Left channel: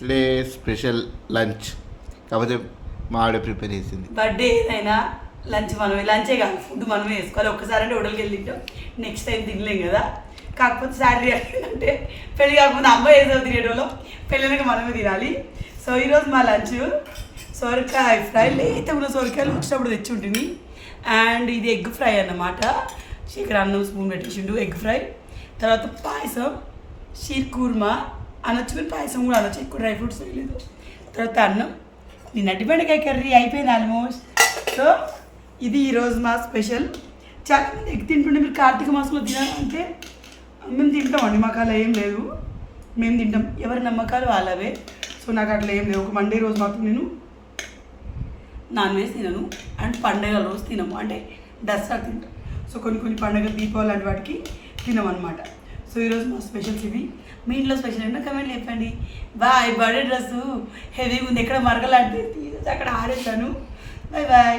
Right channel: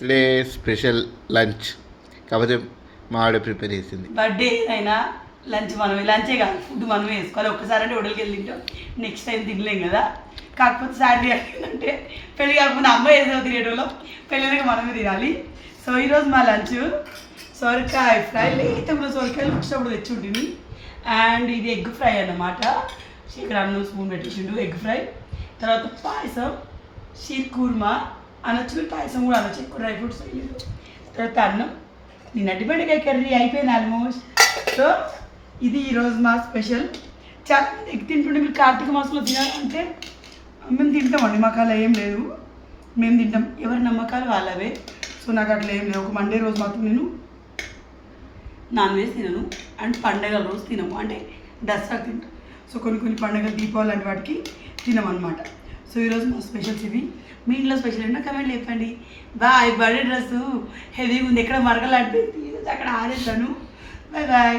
Today special lunch కాకపోతే మా ఆవిడ ప్రిపేర్ చేసింది. బర్త్డే ఏదైనా లంచే కాదు, ఫుడ్ మనమే వేసుకోవాలి. ఒక్కసారి అంటే హోటల్కి వెళ్ళింటాం, నెక్స్ట్ టైం తినలేం కదా. కాకపోతే శాలరీ ఏంటంటే పెళ్ళి కాకపోతే అమ్మాయి ఏదో తినేటోళ్ళం, పెళ్ళినాక మనమే తినాలి. సో ఈరోజు మా లంచ్ సొరకాయ ఫ్రై, లేత ఉన్న సొరకాయలు వచ్చినప్పుడు తెచ్చి ఉంటుంది. అండ్ ఇది ఎగ్ ఫ్రై అన్నమాట. ఇక్కడ అన్నం స్పూన్ పెట్టేసిండు, ఎగ్ ఫ్రై. తర్వాత పాయసం, షీర్ కుర్మా అనొచ్చు, పాయసం కూడా అనొచ్చు, ఎక్కువ డ్రై ఫ్రూట్స్ వేయలేదు. తర్వాత అన్నం, నిన్నటి బెండకాయ కర్రీ అయిపోయింది ఆల్మోస్ట్. సో ఇది ఈరోజు మా స్పెషల్. చాలా ఎగ్ తింటుండే, మీరు కార్తీక మాసంలో తినాలంటే మేము తింటామండి, మాకు అలా ఏం లేదు, మేము తింటాం, ఎవరి నమ్మకాలు వాళ్ళవే. సో నాకు అట్లా ఏం లేవు. ఒక మండే రోజు మాత్రం నేను నాన్ వెజ్ తినను, అండ్ పండగల రోజు తినము, అంటే దసరా తింటాం. సో కొన్ని పండుగలు, దీపావళి లాంటి వాటికి తినమన్నమాట. సో ఈరోజు మా స్పెషల్స్ ఇవి. మీ ఇంట్లో స్పెషల్ ఏంటో కమెంట్ చెప్పండి. బాయ్. బర్త్డే డ్రెస్సు హెవీగా ఉంది, ఎక్కడ మరగలాంటిది అక్కడ ఆరేసాను. Bye bye.